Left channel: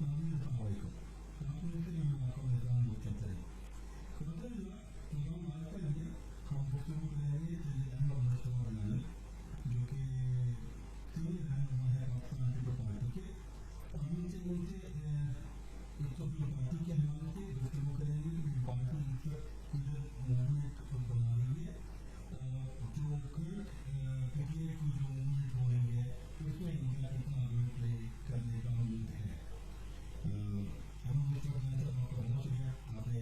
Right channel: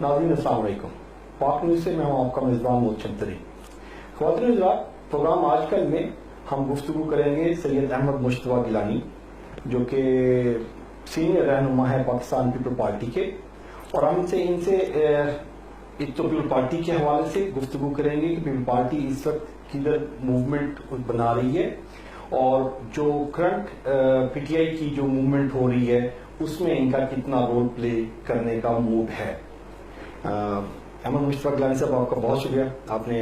ناظرین السلام علیکم. پاک نیوز سے میں ہوں آپ کا میزبان محسن ترین. خواتین حضرات, پروگرام آج کل میں ہم گفتگو کریں گے سید احمد مشتبہ گیلانی جو کہ سینئر رہنما ہے پاکستان پیپل پارٹی کے, اور ہم ان سے ایک تو پیپل پارٹی کے حوالے سے گفتگو کریں گے کہ پیپل پارٹی اس وقت کدھر موومنٹ بنا رہی ہے اور جو کرنٹ پی ٹی آئی کی جو موومنٹ ہو رہی ہے اس میں ان کا کتنا رول پلے کرنے کا موڈ ہے. احمد مشتبہ گیلانی صاحب, آپ کا بہت شکریہ, آپ نے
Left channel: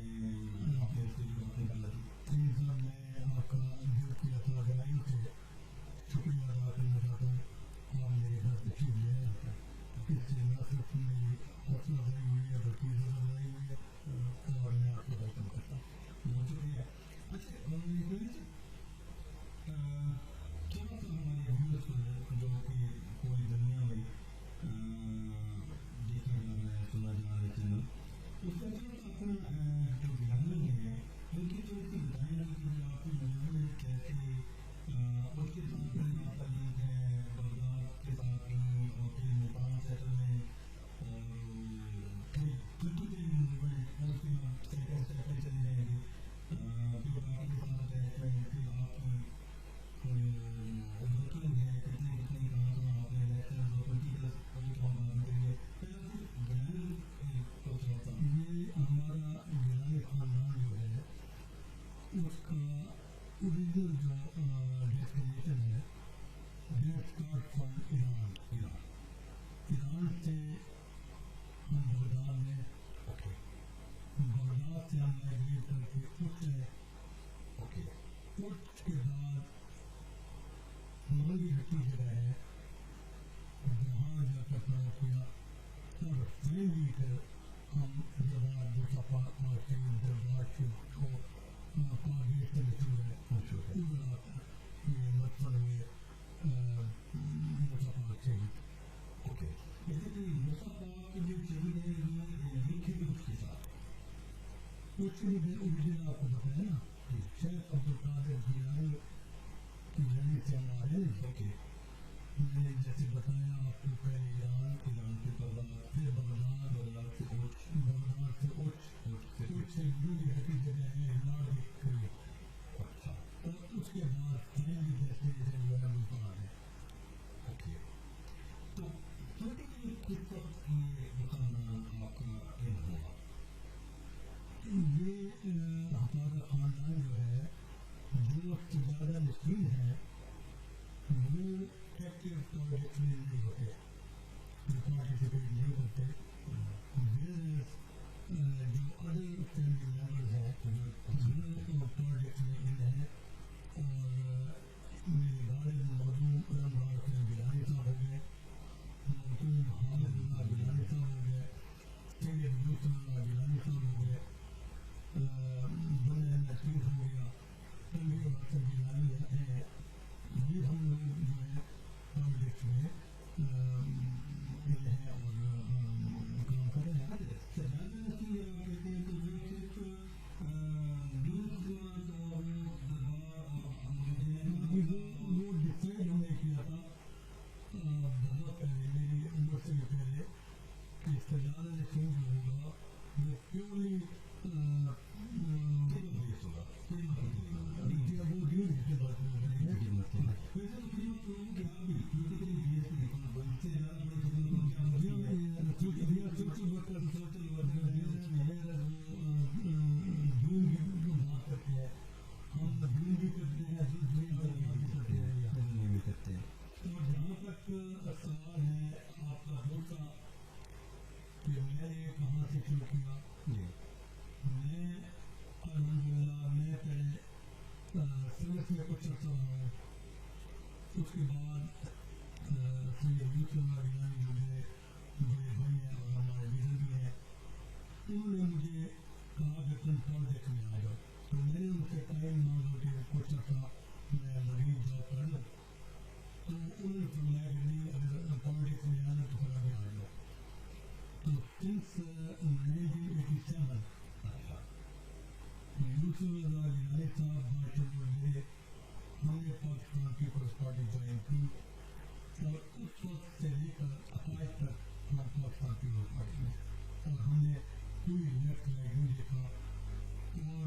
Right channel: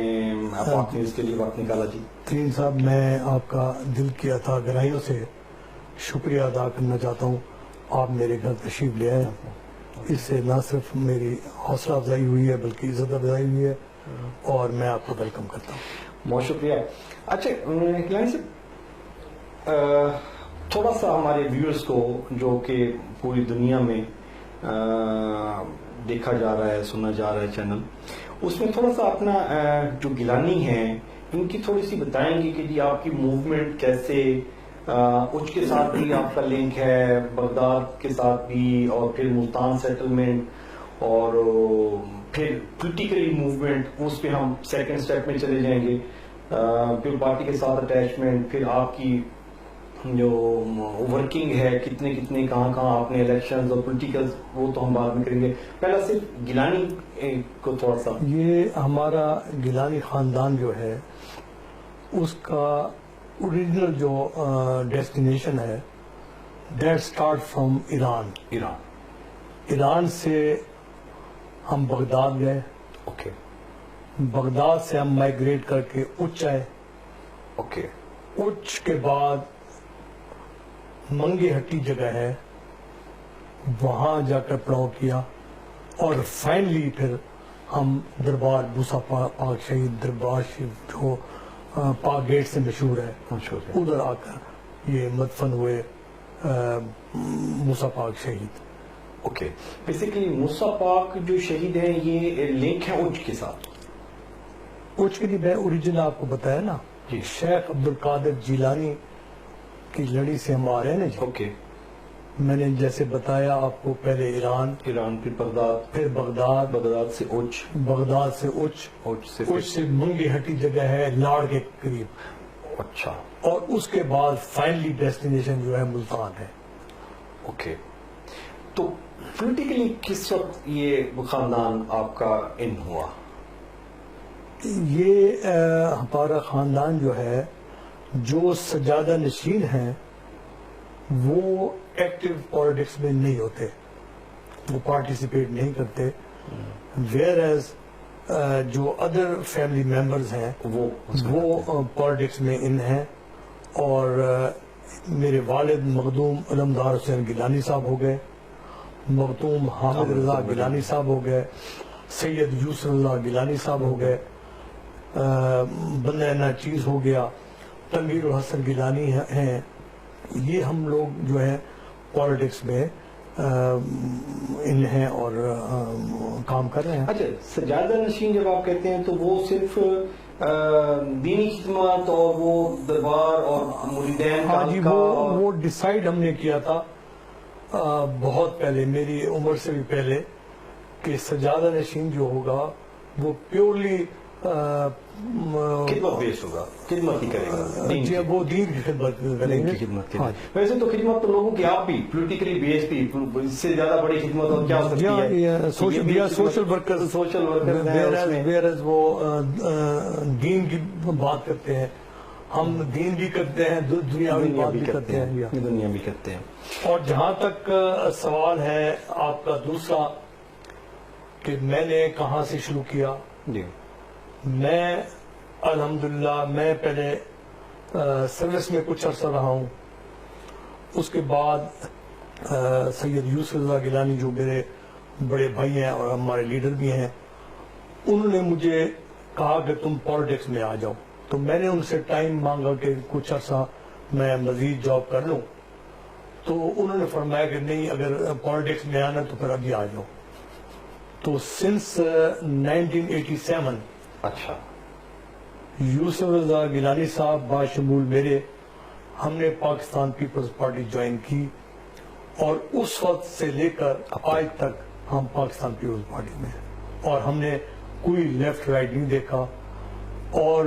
پاک نیوز کے لیے وقت نکالا. جی ترین صاحب, میں آپ کا دل کی عطا گرائیوں سے شکریہ ادا کرنا چاہتا ہوں. آپ میرے گھر تشریف لے آئے, اس سے نہ صرف میری حوصلہ افزائی ہوئی ہے بلکہ عزت افزائی ہوئی ہے, اور میں آپ کو ویلکم کرتا ہوں. بہت شکریہ. اچھا گیلانی صاحب, تھوڑا سا ہمارے ویورز کو جو کہ پوری دنیا میں دیکھا جا رہا ہے, سنا جا رہا ہے چینل, اس میں تھوڑا سا اپنا جو گیلانی ہیں ان کی تھوڑی سی بتائیں گے کہ جی آپ کی موومنٹ کیسے, اچ کے ساتھ بھی آپ کا لنک ہے, بغداد کے ساتھ بھی, اور پھر ملتان سیٹلمنٹ, اور پھر پولیٹیکلی موومنٹ, اس پہ ہم سیکنڈ سٹیپ میں چلے جائیں گے. پیپل پارٹی کے ساتھ اٹیچمنٹ, پھر آپ کی جو ورکنگ ہے, کتنے کہاں آپ نے الیکشنز اور پولیٹیکل, وہ تو ہم بعد میں کریں گے. پہلا صرف گیلانی کو تھوڑا سا. یہ ہمارا گیلانی خاندان جو ہے اس کا اوریجنل جو ڈیسٹینیشن ہے دیٹ اسٹارٹ فرام ایران سے ہم بغداد گئے. اوکے. بغداد سے ہم مائگریٹ کر کے اچ آئے. اوکے. اچ کے بعد منگی ہٹی جگہ ہے, وہاں جا کر پڑاؤ کیا, اور فائنلی پھر ہم دربار موسیٰ پاک شہید دربار شریف جو پاک گیٹ سے مشہور ہے, ادھر آ کر یہ مدفن ہوئے موسیٰ پاک شہید. اوکے. بیسیکلی موسیٰ پاک جو شہید ہیں یہ لنک ہے اچ کے ساتھ. اچ کے لیے میں اوریجنل آپ کو بتایا نا, شیخ عبدالقادر جیلانی کی لڑی سے ہم آ رہے ہیں نا. جی اوکے. میں نے جیسے بتایا آپ کو, پہلے ایران, پھر بغداد, پھر بغداد سے اچ, بغداد سے اچ, اچ سے منگی ہٹی جگہ ہے لاڑ کے قریب. اچھا. اور اس کے بعد فائنلی ڈیسٹینیشن جو ہے ملتان ہے. اوکے. تو پولیٹیکلی کس وقت یہ خاندان آپ کا ان ہوا؟ یہ ہمارا خاندان جو ہے, جو سجادہ نشین ہیں وہ ایکٹیو پالیٹکس میں نہیں ہوتے, وہ پارٹیسپیٹ نہیں کرتے, ویئر ایز جو ادر فیملی ممبرز ہیں وہ پالیٹکس میں ان ہیں. اور میرے والد مخدوم علمدار حسین گیلانی صاحب ہو گئے, مخدوم حامد رضا گیلانی صاحب ہو گئے, سید یوسف اللہ گیلانی صاحب ہو گئے, بندہ چیز ہو گیا, تنویر الحسن گیلانی ہیں. یہ ہم لوگ جو ہے پالیٹکس میں ان ہیں اور کام کر رہے ہیں. اچھا, سجادہ نشین جب آپ کہتے ہیں تو وہ صرف دینی خدمات اور وہ دربار اور مریدین کا؟ ہاں جی, وہ ڈیسائیڈ ہم نے کیا تھا بہت پہلے, میری عمر سے بھی پہلے, کہ سجادہ نشین جو ہوگا وہ پیورلی خدمت بیس ہوگا, خدمت ہی کرے گا. جی, وہ دین کی خدمت کریں گے. ویسے تو خدمت تو لوگوں کی آپ بھی پولیٹیکلی بیس بھی, اس سے زیادہ بڑی خدمت اور کیا ہو سکتی ہے؟ سوشل ورکر, ویئرز وہ دین کی بات کرتے ہیں, ہم دین بھی کرتے ہیں, دنیا بھی کرتے ہیں, دنیا بھی کرتے ہیں. اور جہاں تک سوال ہے آپ کا دوسرا کہ میں نے کہاں سے شروع کیا, جی, میں الحمدللہ میں پہلے سروس میں کچھ عرصہ رہا ہوں. اس کے بعد سید یوسف اللہ گیلانی جو میرے بڑے بھائی ہیں اور ہمارے لیڈر بھی ہیں, انہوں نے مجھے کہا کہ تم پالیٹکس میں آ جاؤ. تو میں نے ان سے ٹائم مانگا کہ کچھ عرصہ میں مزید جاب کر لوں. تو انہوں نے فرمایا کہ نہیں, اگر پالیٹکس میں آنا تو پھر ابھی آ جاؤ. تو سنس 1987 اچھا, یوسف رضا گیلانی صاحب باشمول میرے, ہم نے پاکستان پیپلز پارٹی جوائن کی, اور اس وقت سے لے کر آج تک ہم پاکستان پیپلز پارٹی میں ہیں اور ہم نے کوئی لیفٹ رائٹ نہیں دیکھا. اور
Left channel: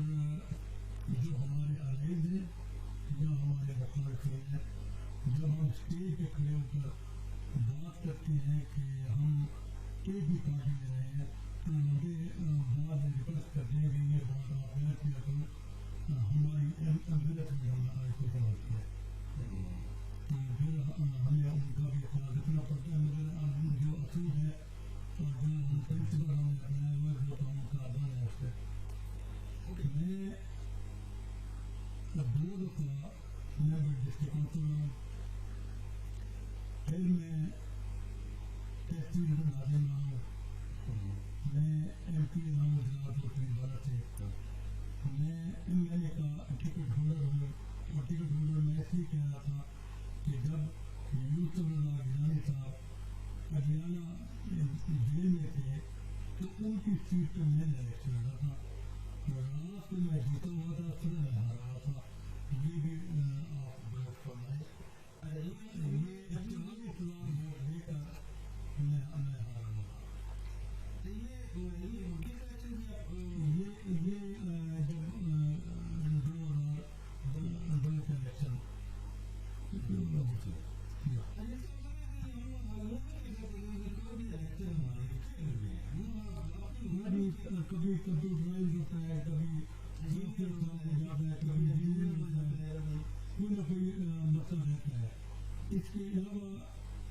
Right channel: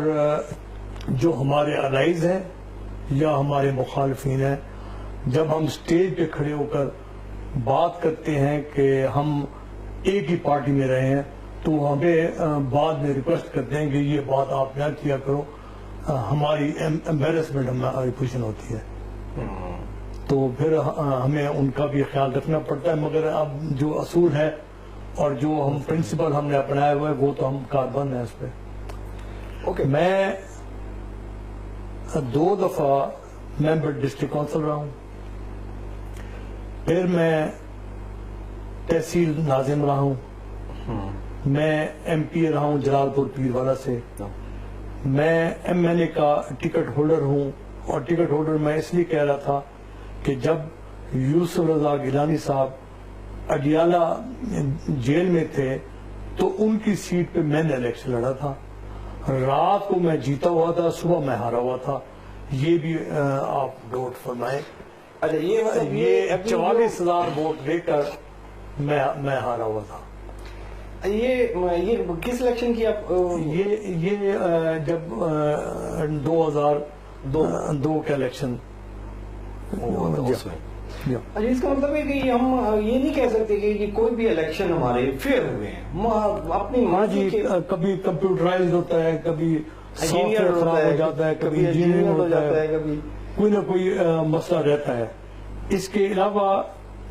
جو ہمارے الائز ہیں یا ہمارے مخالفین ہیں, جب ہم اسٹیج پہ کھڑے ہو کر بات کرتے ہیں کہ ہم ایک ہی پارٹی میں رہے ہیں, تو ہمیں بعد میں ریکویسٹ کرتے ہیں کہ یہ بات آپ نہ کیا کرو, ہماری امبیرسمنٹ ہماری پوزیشن ہوتی ہے. تو پھر ہمیں ان کا بھی خیال رکھنا پڑتا ہے, مگر اب جو اصول ہے اور جو ہم پرنسپل ہم نے اپنایا ہوا ہے وہ تو ہم کاربند ہیں اس پہ. میں 2 دفعہ ممبر ڈسٹرکٹ کونسل رہا ہوں, پھر میں تحصیل ناظم رہا ہوں, میں ایم پی رہا ہوں جلال پور پیرواڑہ سے, میں ایم ایل اے کا ٹکٹ ہولڈر ہوں. اور ٹکٹ ہولڈر میں اس لیے کہہ رہا تھا کہ جب یوسف رضا گیلانی صاحب اڈیالہ جیل میں تھے تو ان کی سیٹ پہ میں نے الیکشن لڑا تھا, رات کو میں جیتا ہوا تھا, صبح میں ہارا ہوا تھا. یہ بھی آپ نوٹ فرمائیں. یہ 44,000 ووٹ لے کر میں ہارا ہوا تھا. یہ کس الیکشن کی آپ؟ یہ جب 2002 کا الیکشن. اس کا مطلب ہے کہ ہم یہ نہیں کہہ سکتے کہ یہ کوئی بھی الیکشن ہمارے فیئر ہوئے ہیں اپنی. ہاں جی, کبھی کمپیوٹرائز ہوتا ہے, کبھی سافٹ ویئر خراب ہو جاتا ہے, کبھی انجینئرنگ ہو جاتا ہے, کبھی کوئی نہ کوئی مسئلہ رہتا ہے. اس کے علاوہ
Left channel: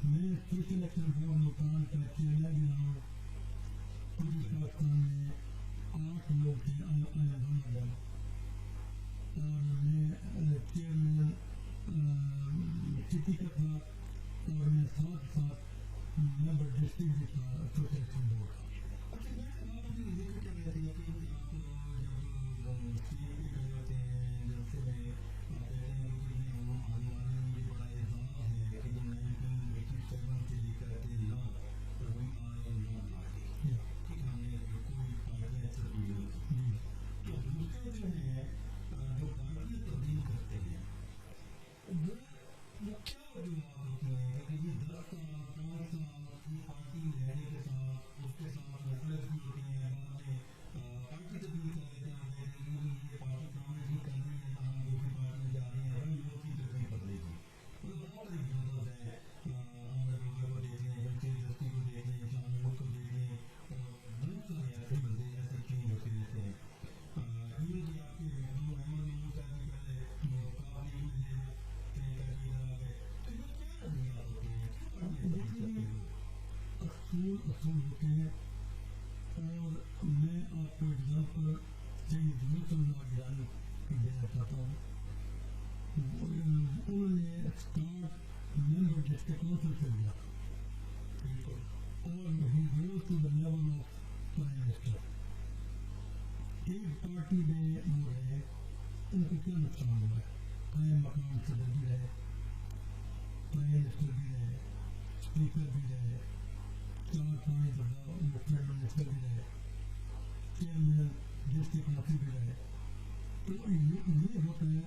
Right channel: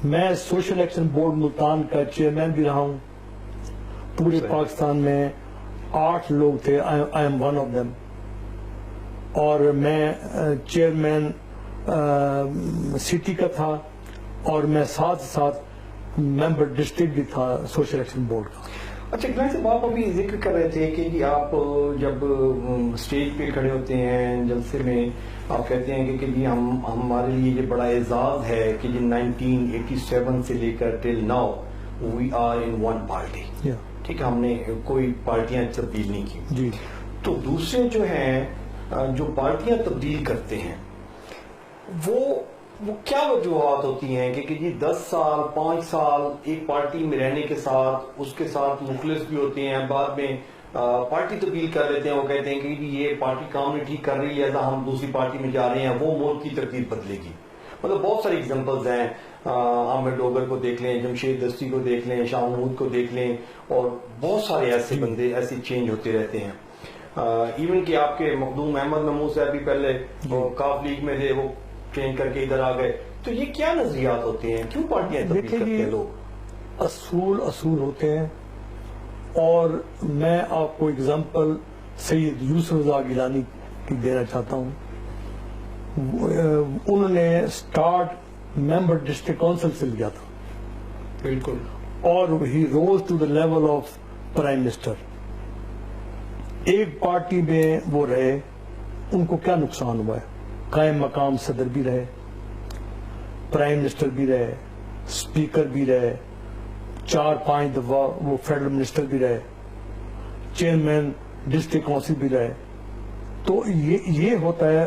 میں سوشل ایکشن بورڈ ملتان کا چیئرمین بھی رہا ہوں. پورے پاکستان میں 8 لوگ تھے, I am one of them. اور میں چیئرمین سٹی کا تھا, اور میں ساتھ ممبر ڈسٹرکٹ بھی تھا سوشل ایکشن بورڈ کا. اچھا گلان صاحب, آپ ابھی ذکر کر رہے تھے کہ آپ جب اسٹیج پہ کھڑے ہوتے ہیں جلسے میں, آپ کہتے ہیں کہ جی ہمارے لیے یہ بڑا اعزاز ہے کہ جی 1987 سے لے کر till now we are in one party. ٹھیک ہے, ہم نے کوئی پارٹیاں تبدیل نہیں کی. جی. تو دوسرے جو ہیں جو پارٹیاں تبدیل کرتے ہیں وہ کیا وجوہات ہوتی ہیں کہ جی 10 سال 5 سال ایک پارٹی میں رہنے کے ساتھ اس کے ساتھ مخلص بھی ہوتے ہیں, بعد میں پارٹی تبدیل کر لیتے ہیں, وہ کہتے ہیں کہ یہ پارٹی کام نہیں ٹھیک کر رہی ہے, ہم دوسری پارٹی میں جا رہے ہیں, وہ ملک کی ترتیب بدلے گی. مطلب بہت ساری ایگزامپلز ہیں, عامر ڈوگر کو دیکھ لیں, جمشید دستی کو دیکھ لیں, شاہ محمود کو دیکھ لیں, اور بہت سارے ایسے بندے ایسے چینج ہوتے رہتے ہیں. ایون کہ آپ کے مخدوم احمد محمود صاحب بھی پہلے کاف لیگ میں تھے, وہ چینج کر کے ادھر آ گئے. تو یہ کیا نظریات ہوتے ہیں, کیوں پارٹیاں تبدیل کرتے ہیں لوگ؟ اصول ہوتے ہیں. اور میں آپ کو اگزامپل سید یوسف رضا گیلانی کی دینا چاہتا ہوں. انہوں نے سٹارٹ ممبر ڈسٹرکٹ کونسل سے لیا تھا. بالکل. اور ہی rose to the level of prime minister. ایک پارٹی میں وہ رہے, ان کو کیا نقصان ہوا ہے؟ قائم مقام صدر بھی رہے, پرائم منسٹر بھی رہے, اسپیکر بھی رہے, 4-5 دفعہ وہ فیڈرل منسٹر بھی رہے, چیئرمین ڈسٹرکٹ کونسل بھی رہے. تو یہ ہوتا ہے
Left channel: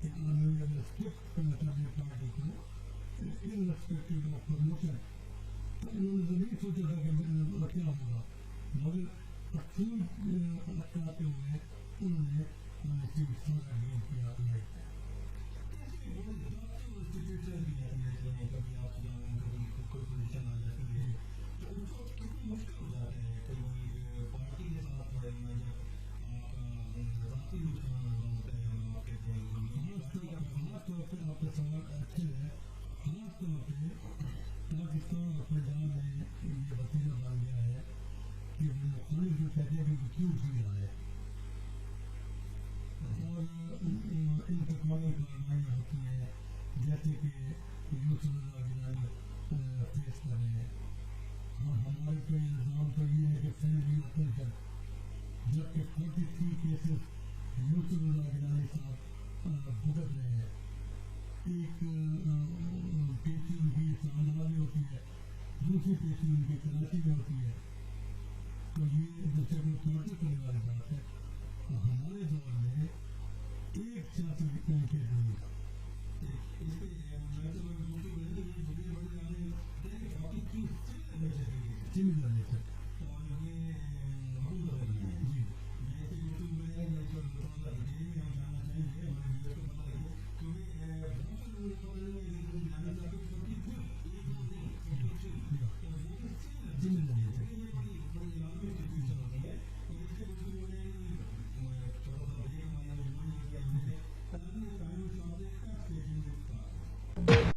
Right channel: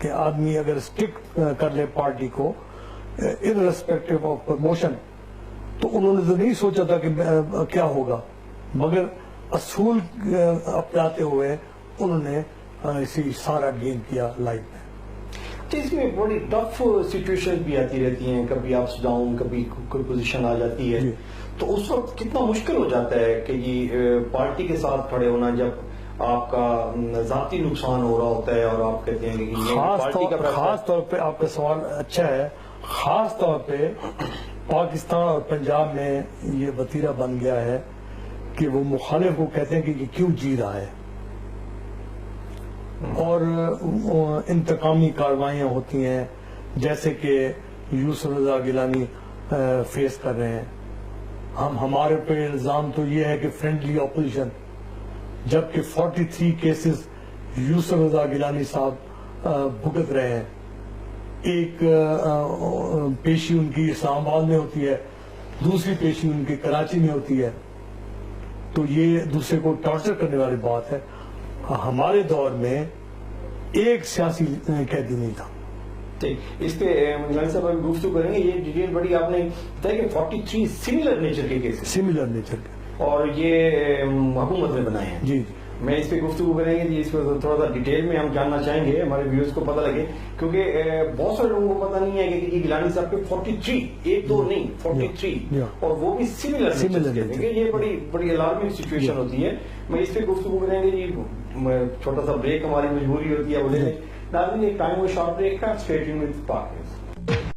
کہ آدمی اگر اسٹک کر لے پارٹی کو irrespective آف پروموشن, تو انہوں نے تو نہیں سوچا تھا کہ کیا ہوگا, مگر اصول اپناتے ہوئے انہوں نے اسی سارا گین کیا لائف میں. اس میں بڑی ٹف سچویشن بھی آتی رہتی ہیں, کبھی اپس ڈاؤن, کبھی کوئی پوزیشن آ جاتی ہے. تو اس وقت کتنا مشکل ہو جاتا ہے کہ یہ پارٹی کے ساتھ کھڑے ہونا, جب آپ کا ذاتی نقصان ہو رہا ہوتا ہے اور آپ کہتے ہیں کہ خاص طور پہ آپ کا سوال اچھا ہے. خاص طور پہ پاکستان اور پنجاب میں یہ وتیرہ بن گیا ہے کہ وہ مخالف کو کہتے ہیں کہ یہ کیوں جی رہا ہے, اور انتقامی کاروائیاں ہوتی ہیں جیسے کہ یوسف رضا گیلانی فیس کر رہے ہیں. ہمارے پہ الزام تو یہ ہے کہ فرینڈلی اپوزیشن, جبکہ 43 کیسز یوسف رضا گیلانی صاحب بھگت رہے ہیں. ایک پیشی ان کی اسلام آباد میں ہوتی ہے, دوسری پیشی ان کی کراچی میں ہوتی ہے. تو یہ دوسرے کو ٹارچر کرنے والی بات ہے. ہمارے دور میں ایک سیاسی قیدی نہیں تھا, ٹھیک اس پہ گیلانی صاحب ابھی گفتگو کریں گے. یہ ڈیٹیل بڑی آپ نے بتایا کہ 43 سملر نیچر کے کیسز سملر نیچر کے اور یہ حکومت نے بنائے ہیں. جی میں اس پہ گفتگو کریں گے جی. اس پہ تھوڑا سا ڈیٹیل میں ہم جاننا چاہیں گے, ہمارے ویورز کو پتہ لگے, کیونکہ بہت سارے لوگوں کو پتہ نہیں ہے کہ یہ گیلانی صاحب کے 43 ایک دو نہیں 43 اور وہ بھی سملر نیچر. یہ بڑی الارمنگ سچویشن ہوتی ہے. میں اس پہ گفتگو کریں گے جی. چھوٹا سا بریک ہماری مجبوری ہوتی ہے. ناظرین ایک ٹائم وہ شارٹ بریک کا. اسٹے ٹیونڈ ود پاک نیوز.